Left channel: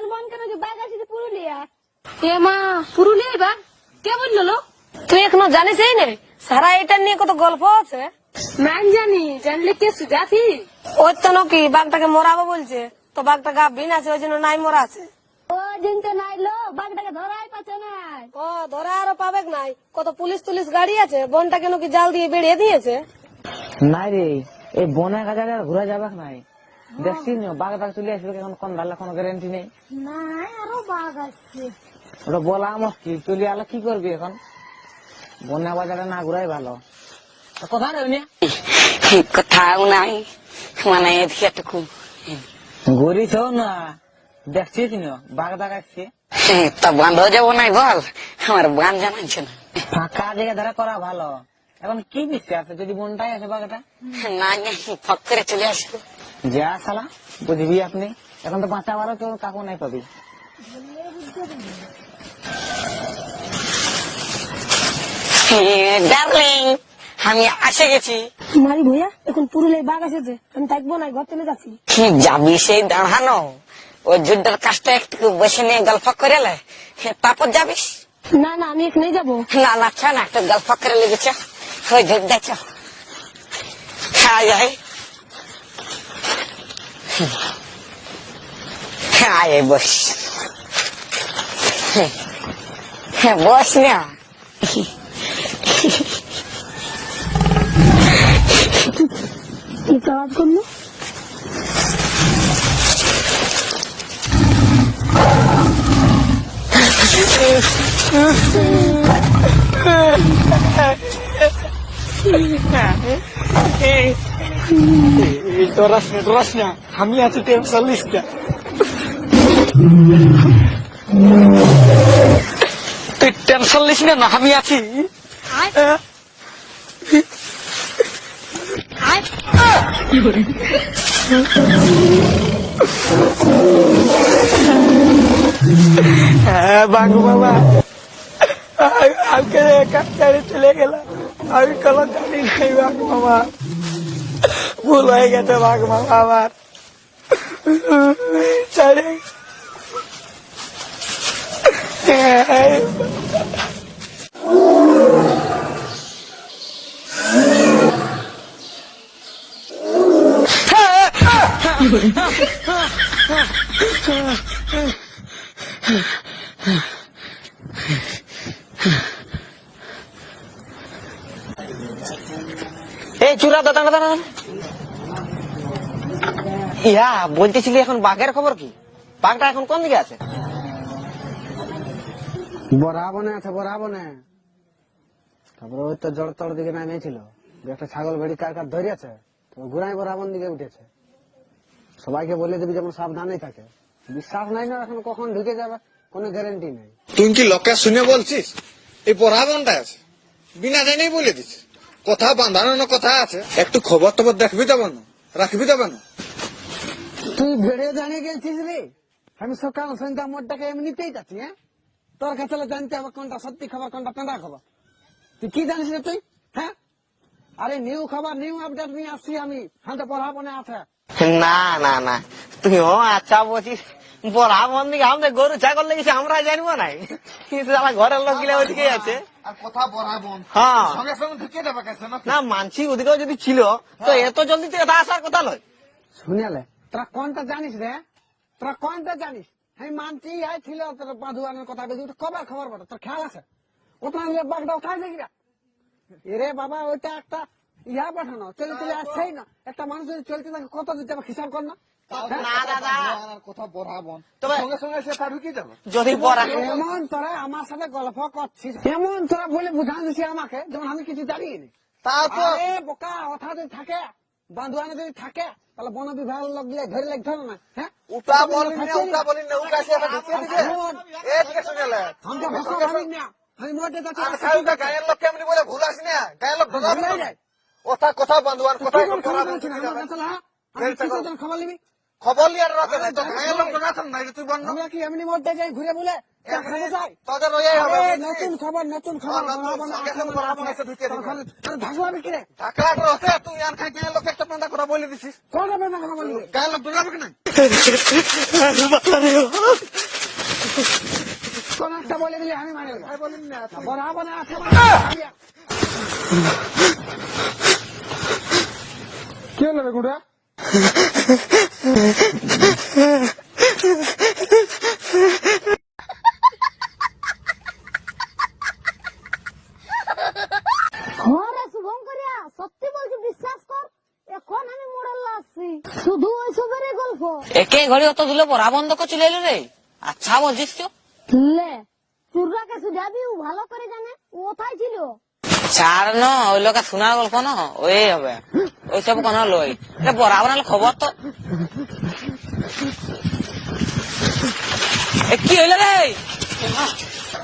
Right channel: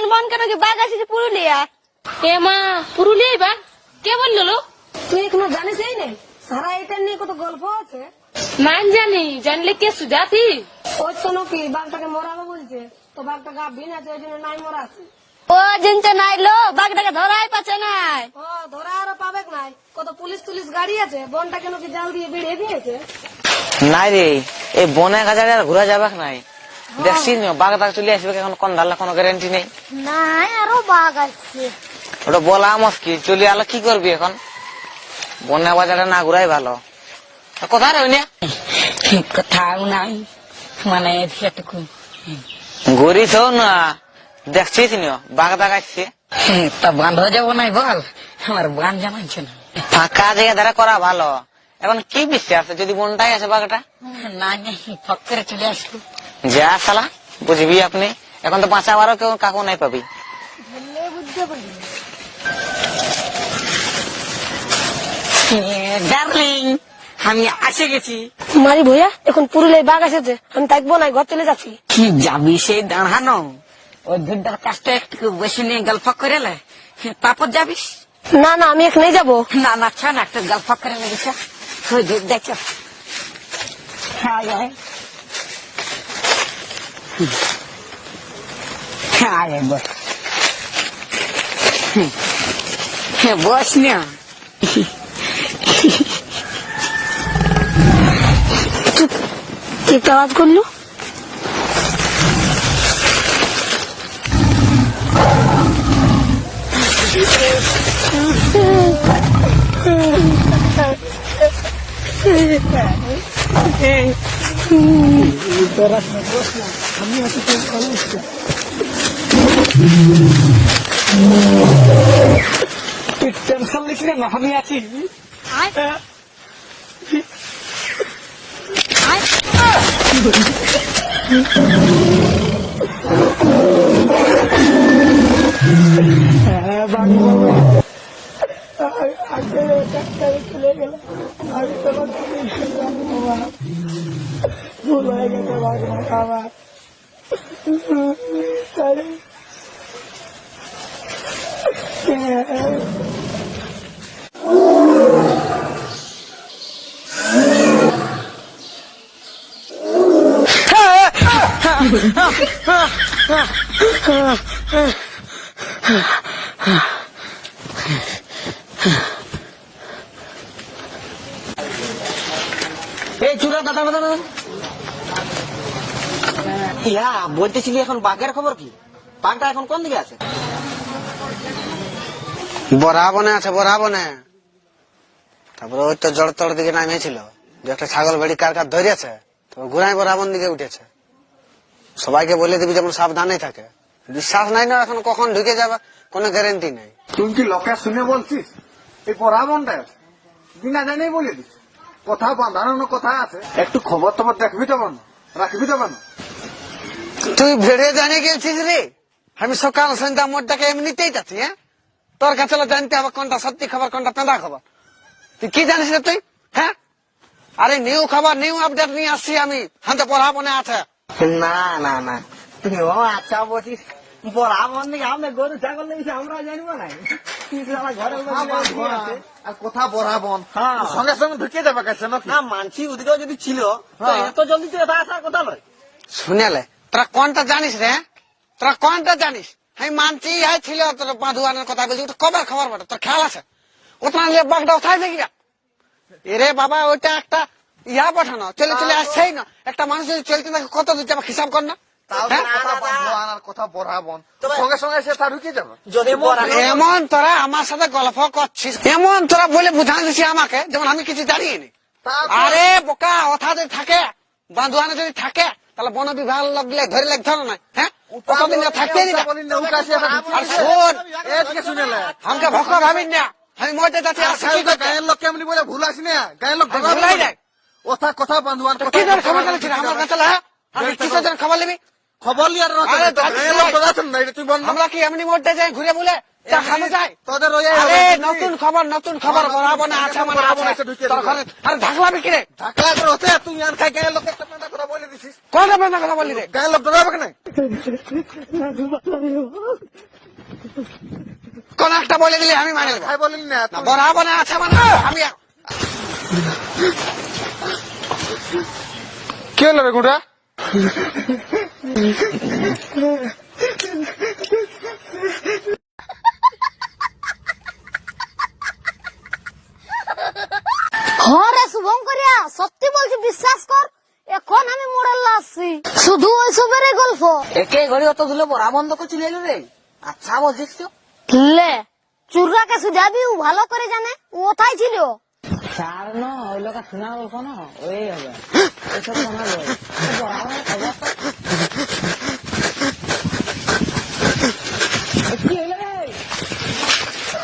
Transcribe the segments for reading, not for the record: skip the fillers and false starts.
বন বন কেন কি বাঘ আসছে পুরুলিয়া? এ মা, পুরুলিয়ায় বাঘ? কে বললো? তুই এখনো জানিস এই নে সারা এটা নিয়ে কত গল্প আছে। নাম জানি, জানলে কে সুজাতি? ওর তো নাকি বাঘটাকে মরাবো বলছে, তো বাঘটা গাভীন আছে ওই জন্য নাই মরা আছে। ও জিনতে নাই লো, বাঘটাকে ধরাই পাচ্ছে নাই। ও ধরা আরো পাবে নাই, কত পুলিশ টুলিশ গাড়ি আছে, বনটা কেন কি জাল দিয়ে বেরিয়ে দিয়েছে। নাই রে, এই বনে গাজারে আর ঘুরা যাবে নাই। দেখছি বাঘ টাঘ চলে আসবে, এখন কোন ঢাল্লা কোনো গ্যারান্টি নেই। নাই আরো বাঘ আসছে। ওটা বলা মুশকিল, চলে আলো কি করবি এখন? বনে বাজারে না ঘুরাই ভালো। কোথায় রবি না কোথাও নাই, মানে এদিকে ঘুরিস না, দেখছিস বাঘ টাঘ আসছে। তো বান্ধ যাবো নাই বল, আমার বান জানাইছে না। ফাঁকা জায়গা ধারা করা ভালো। এখন কি বিশ্বাস আছে যদি বনটাই আছে বাঘটা? না ফক করে চলে আসলো। যা শালা বুঝবি আপনি, এখন তো বাঁচাবারও কেউ কাকু নাই পাবি। ডার্লিং, আমি আসে গেছি। মারি ভইয়া এখন পুরুলিয়ায় বাঘ এসেছে, আমি থাকবো না, ঘর চলে যাচ্ছি। কি যাবি সেই দাঁড়ানো? ওই যুদ্ধের কাজটা একটু বসে নিয়ে গল্প করে তারপর যাবিস। না না আমি এখানে যাবো। না না আচ্ছা না, একটা গল্প করে লেগেছে ওই যুদ্ধ। হ্যাঁ হ্যাঁ বস, হ্যাঁ বস না। কি আওয়াজ করলো? আমি আছি 40টা। তুই টেনশন লিস না, আমি আছি। হ্যাঁ বাঘ মামা, আজকে কাজকারে চলে গেলাম, আমি কোনো দিন নেই বাঘ মামা, ভুল হয়ে গেছে বাঘ মামা আমার। সরি। এই চূড়া দাদা দাদা ইয়া বলতেছিলি এখন বাঘের খবর কি? বাঘটা এখন কোন দিকে আছে? বরাবনে আছে, বরাবনে। তারপরে ওই তো জড়তর দিকে নামিয়েছিল, যে একটা ছাগল বেড়ি কার কার ধরেছে, তারপর ঘুরাই বরাবন দিকে উঠেছে। সবাইকে বলে দিবি যেমন সাবধানে থাকে। বিশ্বাস নাই না এখন কখন ঢুকে যাবে কোনো গ্যারেন্টি নেই। তুই কি লোকে শুনে বলছিস এই পড়াবনটা আছে? বিনা জানেই বলে দিস, কথা বাঁধানো কথা আছে, একটু খবর টবর দেখবি যাবো না, রাখবি যাবে না। তুই ভেড়ে জানে গেছিস রে? আমি সকাল সন্ধ্যা মোটটাকে এমনিতেই যাচ্ছি। হ্যাঁ, তোর কাছে জানতে হবে কোনটা সত্যি খবর কোনটা পেঁদা খবর। তুই কি জানিস রে তুই? হ্যাঁ, আরে নিউ খবর নিউ আপডেট নিয়ে আসছি আমি। হাতে পড়াবনে আছে। না না না, তুইও আচ্ছা বলছিস। বরাবন দিকে আমাদের গরু ছাগল লেগেছে, আমরা জানবো না। কিন্তু আমার ঘরের লোক গিলে ওদিকে আছে। আর কথা বরাবন হ্যাঁ। সঙ্গে সঙ্গে ঢুকে যাবে কাছে না মানছি ওদিকেও যদি ছিল তো এত জলদি থেকে আসার কথা নয়। শুনেলে তোরা কোনটা জানিস রে? তোরা কোনটা জানিস? আমি মানছি ছিল তোর বাঁধুয়ানের কথা বলছি, ওটা কবার খবর বটে তোর খেয়াল আছে? ওটা নিয়ে বাঘটা উঠাই দেখি এরে বাবা, ওইটা একটা ইয়া পাঠানো চলে চলে আসছেই না। একটা মানুষ যদি চলতে থাকে কত দূর যাবে হিসাব কর না। কথা বরাবন সঙ্গে সঙ্গে সে তা ঢুকে যাবে। যদি এমন তোরা আমার সাথে গল্প করছিস, এমন তোরা বলে বুঝা দিচ্ছি আমাকে যেমন আমি কিছু জানিয়ে নি। আরে বোকা, ওঠা যদি থাকে বাঁধুয়ানে যদি থাকে তাহলে বন বিভাগ লোক গিয়ে ধরে লাগতে হবে না। হ্যাঁ, কতদিন থাকতে দিবে। আর শোন, আমাকে ভক্ত ভাবিন না, আমি মরতে যাচ্ছি। গায়ের লোক কেমনি বলে ভুল আসি না, গায়ের লোক ভুলাই দেখ কথা কথা বান্ধবান কি ধরে খবর জানাচ্ছি আমার কাছে। হ্যাঁ, আমি কিসের জন্য খবর নিবি? খবর নিয়ে আমরা কি এমনি মরতে যাই ঘুরে বলে দেখানো যায় তোদের ওই আরে নতুন খবর বড় বনে আছে মানে আছে তোর ঘরে আরে ঢাকলাবি কি রে ঢাকা করে হচ্ছে তুই আর খাই গায়ের লোক একটা পান্ডা করা বলে দিছিস কোন কথা বললি রে গায়ের লোক ডরাবে কেন কোন একটা বলে দিলি আমি মানে নেব খাই বলিস না না বড় বনে আছে মানে আমি কি হলো রে গুড়া হরে শুভঙ্করিয়া সত্যি বলছি বিশ্বাস কর এখন আমি মোড়াল্লা আসছি শুধু ওই সবের গল্প একে ঘড়ি অত ধুলে বড়া বন্ধ করে চলে এলো রে আচ্ছা বলছিস তো লে চুররাকে সুজাবি ও ভালো করে জানে ও কোথায় ছিল ছাড় ন ওই লোকে শোনার গল্প ন ওই হবে ওইসব কোন লই বড়া বানালে খবর তো কি হইলো রে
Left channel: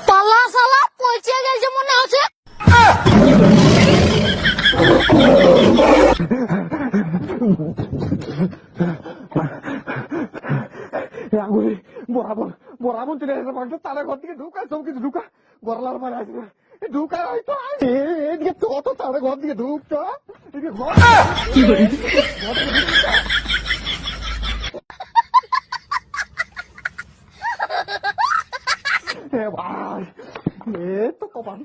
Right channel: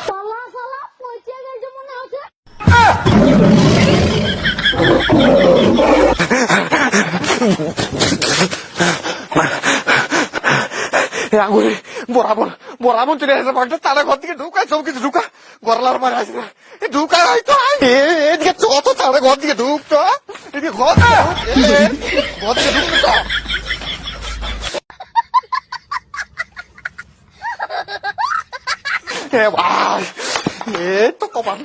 পালা সালা পৌঁছে গেছে মনে হচ্ছে আঙুলি বরাবর চলে আসে বাঘটা তারা ঘর থেকে ঢুকায় সব কিছু ঢুকা গরলার মারে আসে ঢুকায় হয়তো এদিকে যত তারা ঘর দিকে ঢুকতো এদিকে ঘর থেকে ঢুকতো এ ভাই এ তো কপাল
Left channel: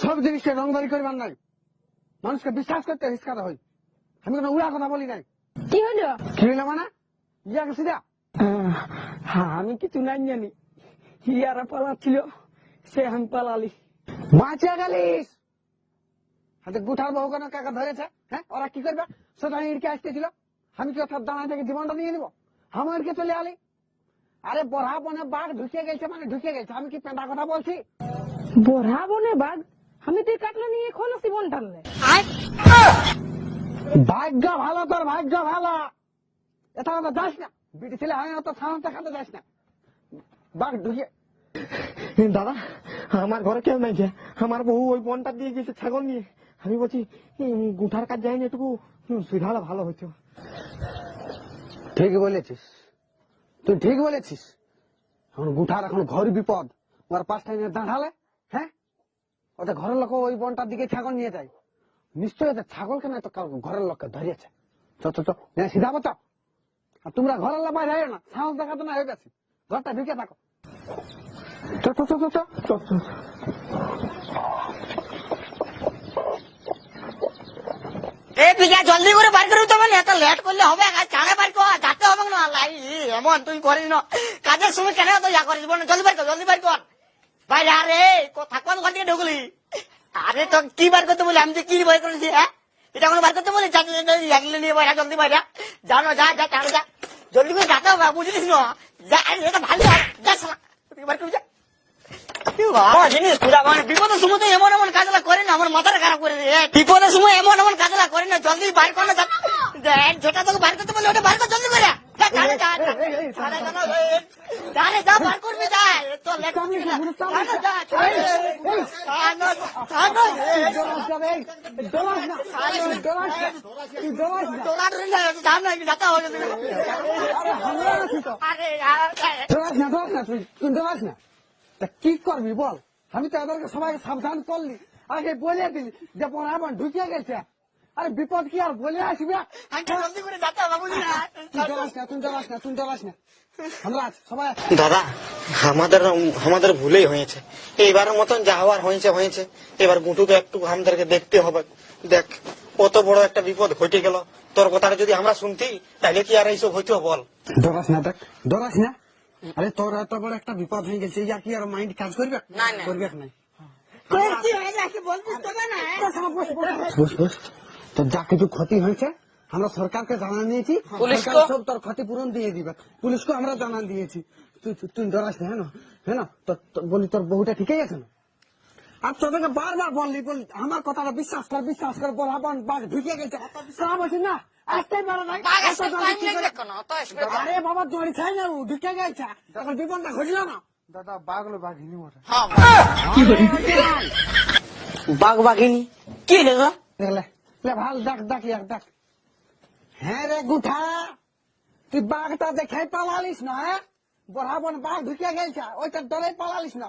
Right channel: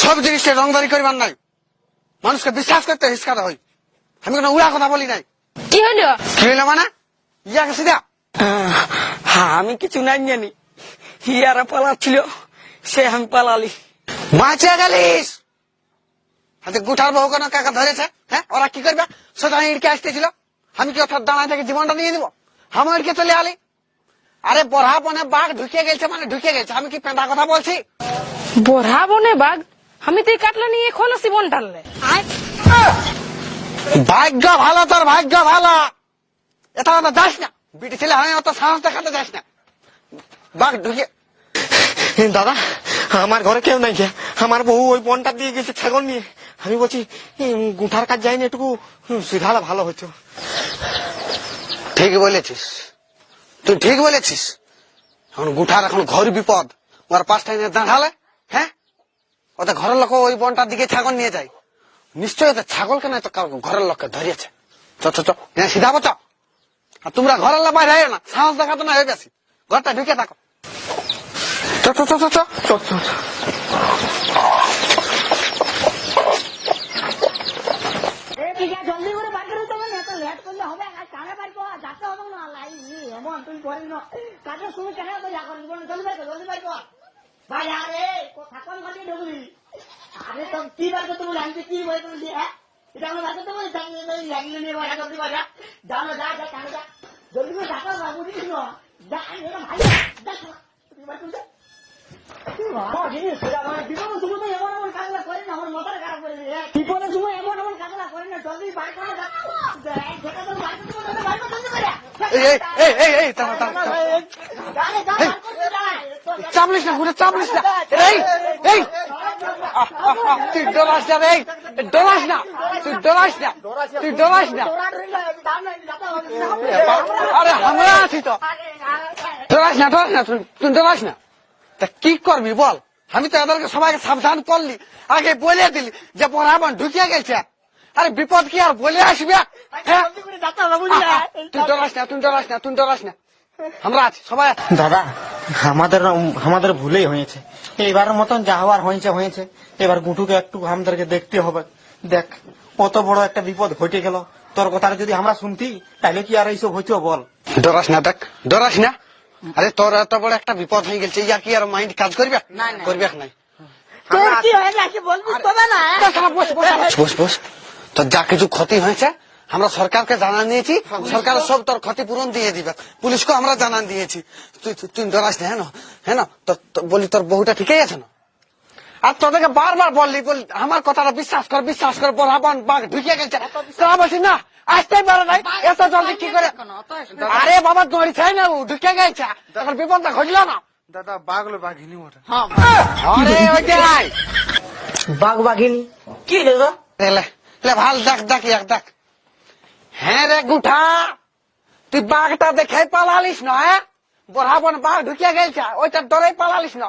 সব জিনিসটা রংদারি করবার নাই মানুষকে বিশ্বাস করতে হিসকাতে হয় আমি কোনো উড়া কথা বলি নাই কি হলো কি হইলো মানে ইয়াকে সিধা হ্যাঁ আমি কিছু নাই জানি ইয়ারা পালাচ্ছিল সে আমি পালালি বাঁচে গেলিস হাতে গুঠার বহু কোনো কাকা ধরেছে হ্যাঁ ওরা কি করবে সোজা ইড়কে আসতেছিল আমি কি অর্থাৎ দাঁড়ায় থেকে জীবনটা নিয়ে দিব আমি ইড়কে চলে আলি আরে বড়া বনে বাঘ ঢুকে গেছে মানে ঢুকে গেছে আমি কি পেঁদা কথা বলছি বড়া বনে বাঘ আমি তুই কাটলে নিয়ে খোলসি বন টানলে ভাগ্য ভালো তোর ভাগ্য ভালো এটা অত যাস না বিটি ছেলে আমি অত সাহস দেখাতে যাস না বাঘ ঢুকে দাদা আমার ঘরে কেউ নাই গিয়া আমার বউ ওই বনটা দিয়ে গেছে ছাগল নিয়ে আমি বলছি গুঠার কাজ যায়নি একটু সিধালে ভালো হতো ঠিক বলেছিস তুই ঠিক বলেছিস এখন গুঠার এখন ঘর বিপদ ওর পাঁচটা এনে দাঁড়ালে হ্যাঁ ওদের ঘরের লোক ওই বনটার দিকে ছাগল নিয়ে যায় নিশ্চয়ই ওদের ছাগলকে না তো ঘরের লোককে ধরিয়েছে চ চ চ সিধা বচ আর তোমরা ঘরের লোক বাইরে না সাহস দেখাতো না হয়ে গেছি ঘরটা ঢুকে থাকো চ চ চ চ চ চ, চ, চ। জলদি করে বার করে দেবেন এত লেট করলে হবে চাঁড়ে বার কর যাতে হবে না লাই এমন তুই করিস না কাজের সময় কেন তো ইয়া করিস বল জলদি বার কর ভাই আরে থাকবান ঘর থেকে ঢুকলি আরে তো কি বার করতে বলি আমি তো কি বার করেছি হ্যাঁ এটা কোনো বার করতে বলি নিয়ে বাইরা জলদি বাইরা জানো যা যা চাঁড়ে যা জলদি করে যাতে হবে বুঝলিস না যা এটা ভালো যা শালা তুই বার করে যা জিনিস বিপদের সময় তো এমন এমন কাজলা করে না আমার মাথাটা খারাপ করে দিয়ে বিপদের সময় এমন এমন কাজলা করে না জলদি বার কর না যেটা তোকে বার করতে বলে ওটা বার কর জলদি করে চাপলিস না ঘুরে চাপলিস না এই এই তুই ডরাস না রে ডরাস না তুই ডরাস না তুই ডরাস না আরে আমরা আছি তো ডরাস না তুই ডরাস না তা কি করবি বল আমি তো এদেরকে সবাইকে সাবধান করলি আগে বলে দিলি যে বরাবর ঢুকিয়ে গেছে আরে বিপদ কি আর বলে আসবে তুই ডরাস না আমরা আছি সবাই দাদা আমাদের ভুলেই হয়েছে এইবারের মতন যা হওয়ার হয়েছে এবার গুটুকে একটু আমাদেরকে দেখতে হবে দেখ কত বড় একটা বিপদ ঘটে গেল তোর কথাটা যদি আমরা শুনতি তাহলে কি আর এইসব হইতো বল ডরাস না দেখ ডরাস না আরে তোর এত বড় একটা বিপদ হয়ে গেছে ইয়ার কি আর মাইন্ড কাজ করবে নাই বস বস তোর যা কিছু ক্ষতি হয়েছে আমরা সরকারকে জানান দিয়েছি সরকার সব তোর ক্ষতিপূরণ দিয়ে দিবে পুলিশকে আমরা জানান দিয়েছি তুই ডরাস না হ্যাঁ বলি তোর বহুটা ঠিকই আছে না আর তোদেরকে বারবার বললি আমার কথাটা বিশ্বাস কর বরাবর বাঘ ঢুকে গেছে তোরা বলছি না আসতে পারে নাই এত জলদি কি করে আরে বাবা দড়ি খাই না ঢুকে গেছে তখন বিপদটা ঘটলো না দাদা বাঘলো বাঘিনী ওটা বাঘ বাঘিনী কি দেখো ভাল দেখ হ্যাঁ রে গুঠা, তুই বাঘটা দেখে পালালিস না? বড়াবন বাঘ ঢুকিয়া গেছে, ওইটা ডরে পালালিস না।